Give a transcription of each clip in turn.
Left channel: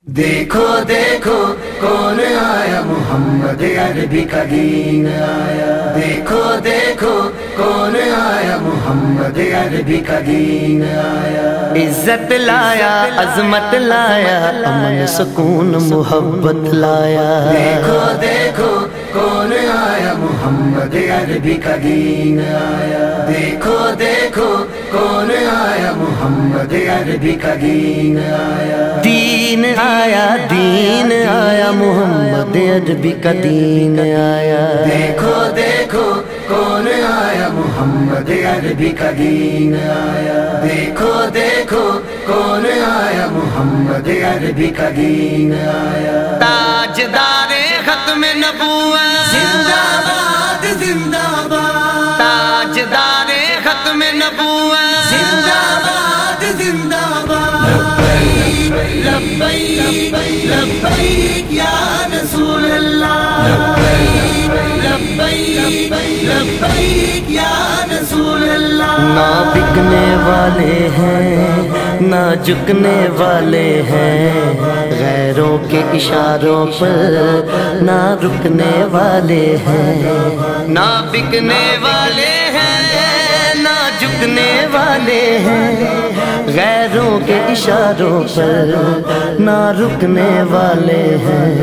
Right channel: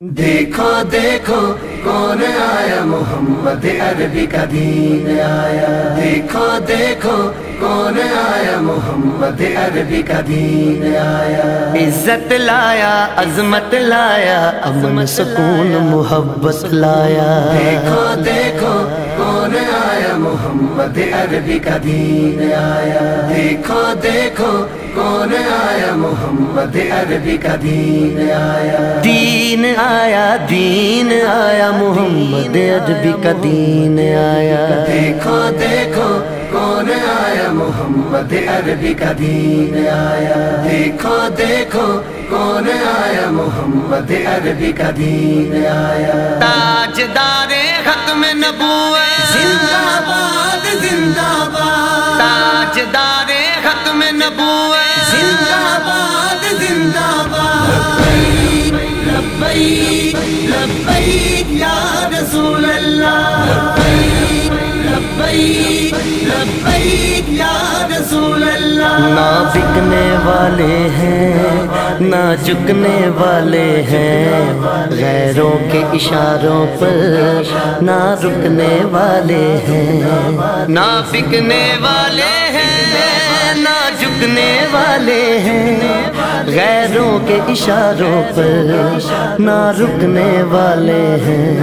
देखो देखो कौन आया, मोहम्मद अरबी का दीन आया। देखो देखो कौन आया, मोहम्मद अरबी का दीन आया। इज्जत लाया, अजमत लाया, अमन सुकून मोहब्बत लाया। देखो देखो कौन आया, मोहम्मद अरबी का दीन आया। देखो देखो कौन आया, मोहम्मद अरबी का दीन आया। दीन आया, दीन आया, मोहम्मद अरबी का दीन आया। देखो देखो कौन आया, मोहम्मद अरबी का दीन आया। देखो देखो कौन आया, मोहम्मद अरबी का दीन आया। ताजदारे खत्म नबूवत, जिंदाबाद जिंदाबाद। ताजदारे खत्म नबूवत, जिंदाबाद जिंदाबाद। लब्बैक लब्बैक या रसूल अल्लाह। लब्बैक लब्बैक या रसूल अल्लाह। ना बिकने वाले हैं ना झुकने वाले हैं, गैरों के इशारों पर ना रुकने वाले हैं। ना बिकने वाले हैं ना झुकने वाले हैं, गैरों के इशारों पर ना रुकने वाले हैं।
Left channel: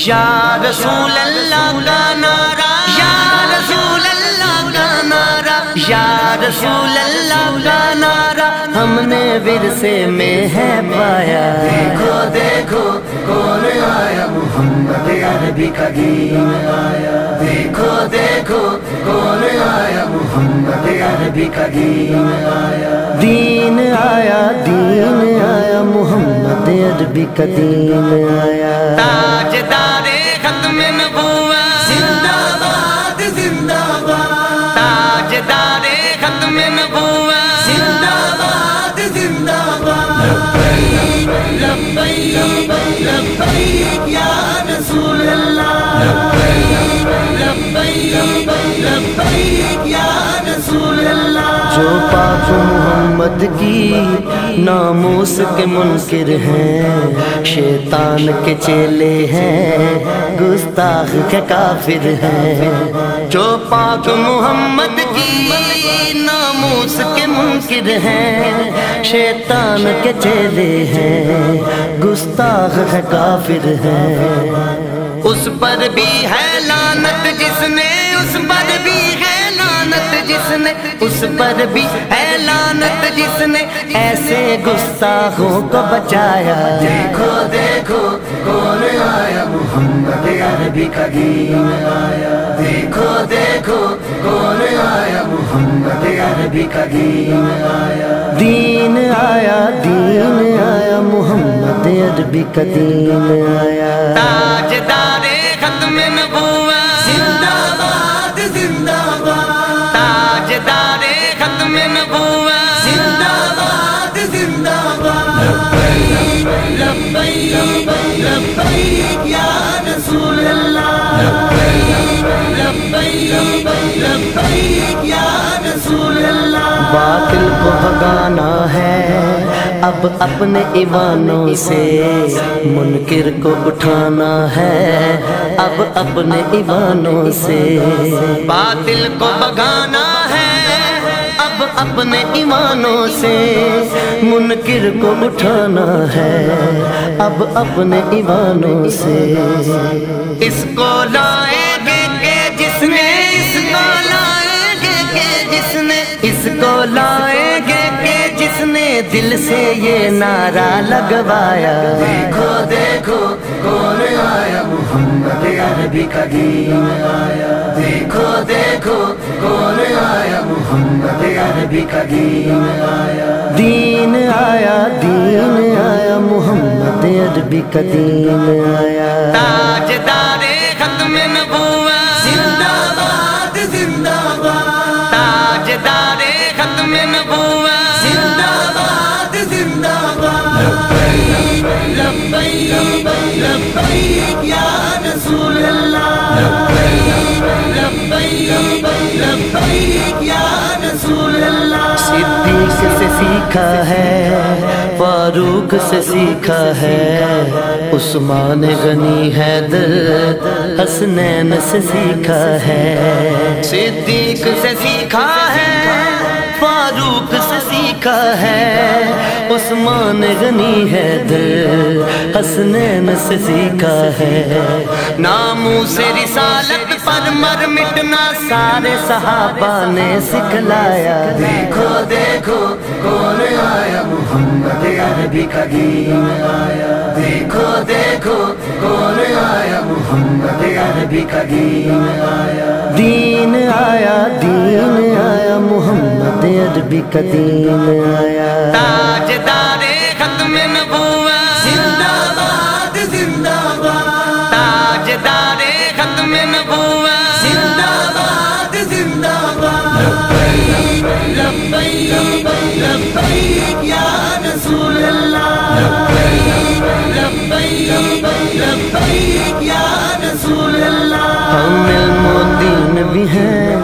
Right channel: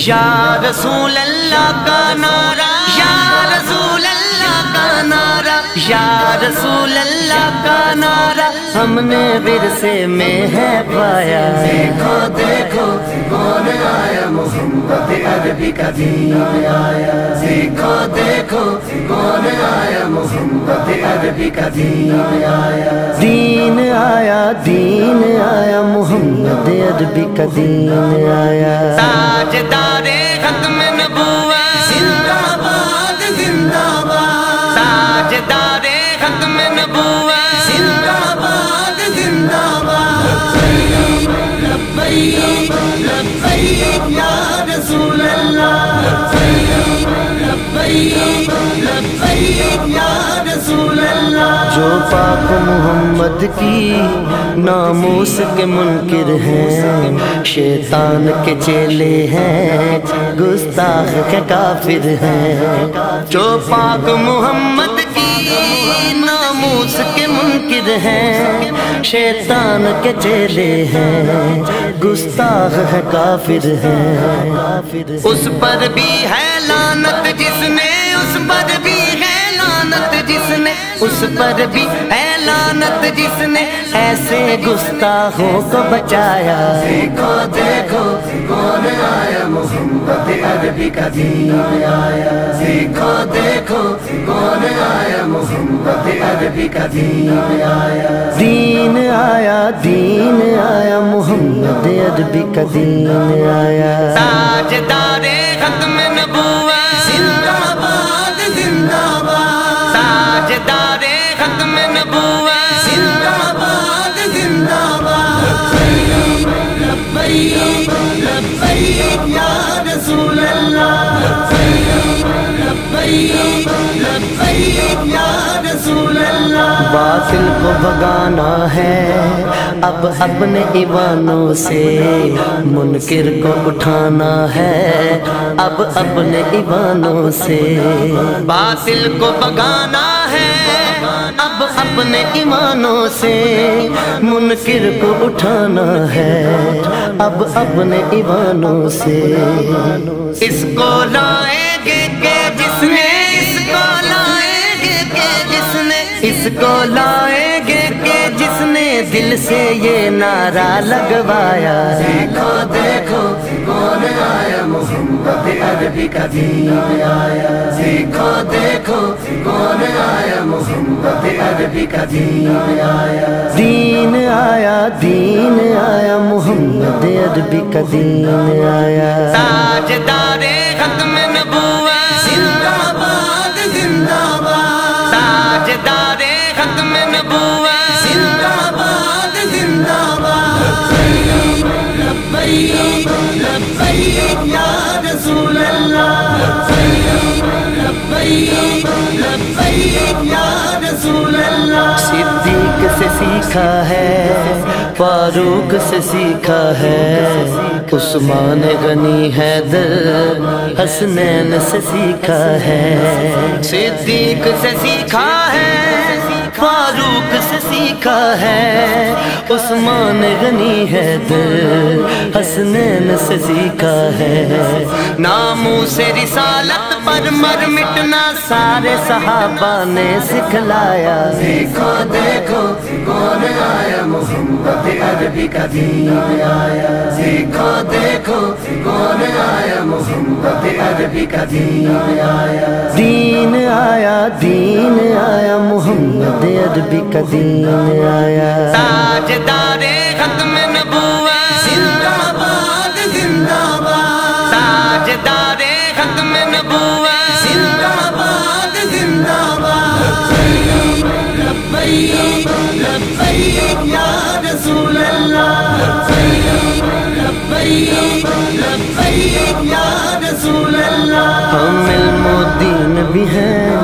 या रसूल अल्लाह का नारा, या रसूल अल्लाह का नारा, या रसूल अल्लाह का नारा हमने विरसे में है पाया। देखो देखो कौन आया, मोहम्मद अरबी का दीन आया। देखो देखो कौन आया, मोहम्मद अरबी का दीन आया। दीन आया, दीन आया, मोहम्मद अरबी का दीन आया। ताजदारे खत्म नबूवत, जिंदाबाद जिंदाबाद। ताजदारे खत्म नबूवत, जिंदाबाद जिंदाबाद। लब्बैक लब्बैक या रसूल अल्लाह। लब्बैक लब्बैक या रसूल अल्लाह। जो पाक मोहम्मद की नामूस के मुनकिर हैं, शैतान के चेले हैं, गुस्ताख के काफिर हैं। जो पाक मोहम्मद की नामूस के मुनकिर हैं, शैतान के चेले हैं, गुस्ताख है काफिर हैं। उस पर भी है लानत जिसने, उस पर भी है लानत जिसने, उस पर भी है लानत जिसने ऐसे गुस्ताखों को बचाया। देखो देखो कौन आया, मोहम्मद अरबी का दीन आया। देखो देखो कौन आया, मोहम्मद अरबी का दीन आया। दीन आया, दीन आया, मोहम्मद अरबी का दीन आया। ताजदारे खत्म नबूवत, जिंदाबाद जिंदाबाद। ताजदारे खत्म नबूवत, जिंदाबाद जिंदाबाद। लब्बैक लब्बैक या रसूल अल्लाह। लब्बैक लब्बैक या रसूल अल्लाह। बातिल को भगाना है अब अपने ईवानों से, मुनकिर को उठाना है अब अपने ईवानों से। बातिल को भगाना है अब अपने ईमानों से, मुनकिर को उठाना है अब अपने ईमानों से। इसको लाएंगे के जिसने, इसको लाएंगे के जिसने, इसको लाएंगे के जिसने दिल से ये नारा लगवाया। देखो देखो कौन आया, मोहम्मद अरबी का दीन आया। देखो देखो कौन आया, मोहम्मद अरबी का दीन आया। दीन आया, दीन आया, मोहम्मद अरबी का दीन आया। ताजदारे खत्म नबूवत, जिंदाबाद जिंदाबाद। ताजदारे खत्म नबूवत, जिंदाबाद जिंदाबाद। लब्बैक लब्बैक या रसूल अल्लाह। लब्बैक लब्बैक या रसूल अल्लाह। सिद्दीक صدیق سے سیکھا ہے، فاروق سے سیکھا ہے، عثمان غنی حیدر حسنین سے سیکھا ہے، صدیق سے سیکھا ہے، فاروق سے سیکھا ہے، عثمان غنی حیدر حسنین سے سیکھا ہے، ناموس رسالت پر مر مٹنا سارے صحابہ نے سکھلایا، دیکھو دیکھو کون آیا محمد عربی کا دین آیا، دیکھو دیکھو کون آیا محمد عربی کا دین آیا، دین آیا، دین آیا، محمد عربی کا دین آیا، تاجدار ختم نبوت زندہ باد زندہ باد، تاجدار ختم نبوت زندہ باد زندہ باد، لبیک لبیک یا رسول اللہ، لبیک لبیک یا رسول اللہ، ہم علم و دین بھی ہیں،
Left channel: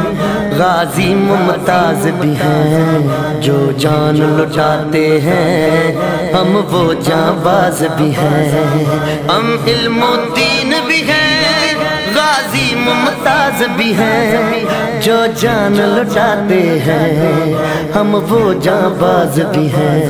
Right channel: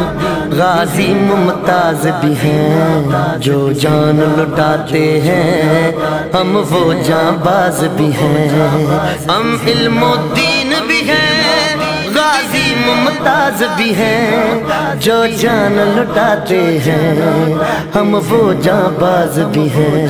غازی ممتاز بھی ہیں، جو جان لٹاتے ہیں ہم وہ جاں باز بھی ہیں، ہم علم و دین بھی ہیں، غازی ممتاز بھی ہیں، جو جان لٹاتے ہیں ہم وہ جاں باز بھی ہیں،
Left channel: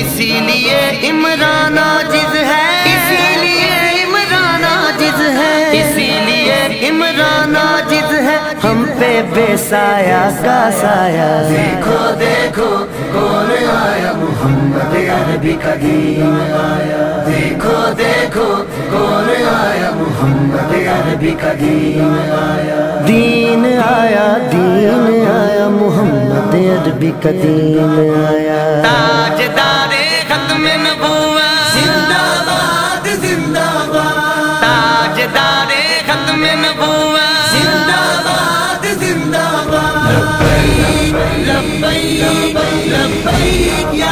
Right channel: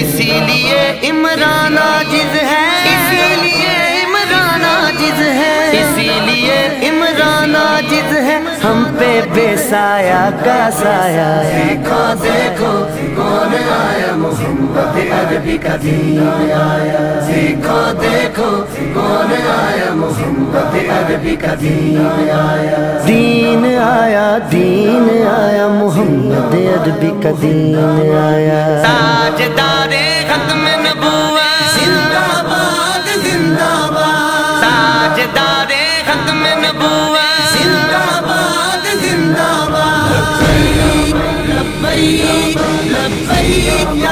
اسی لیے عمران عاجز ہے، اسی لیے عمران عاجز ہے، اسی لیے عمران عاجز ہے، ہم پہ بے سایہ کا سایہ، دیکھو دیکھو کون آیا محمد عربی کا دین آیا، دیکھو دیکھو کون آیا محمد عربی کا دین آیا، دین آیا، دین آیا، محمد عربی کا دین آیا، تاجدار ختم نبوت زندہ باد زندہ باد، تاجدار ختم نبوت زندہ باد زندہ باد، لبیک لبیک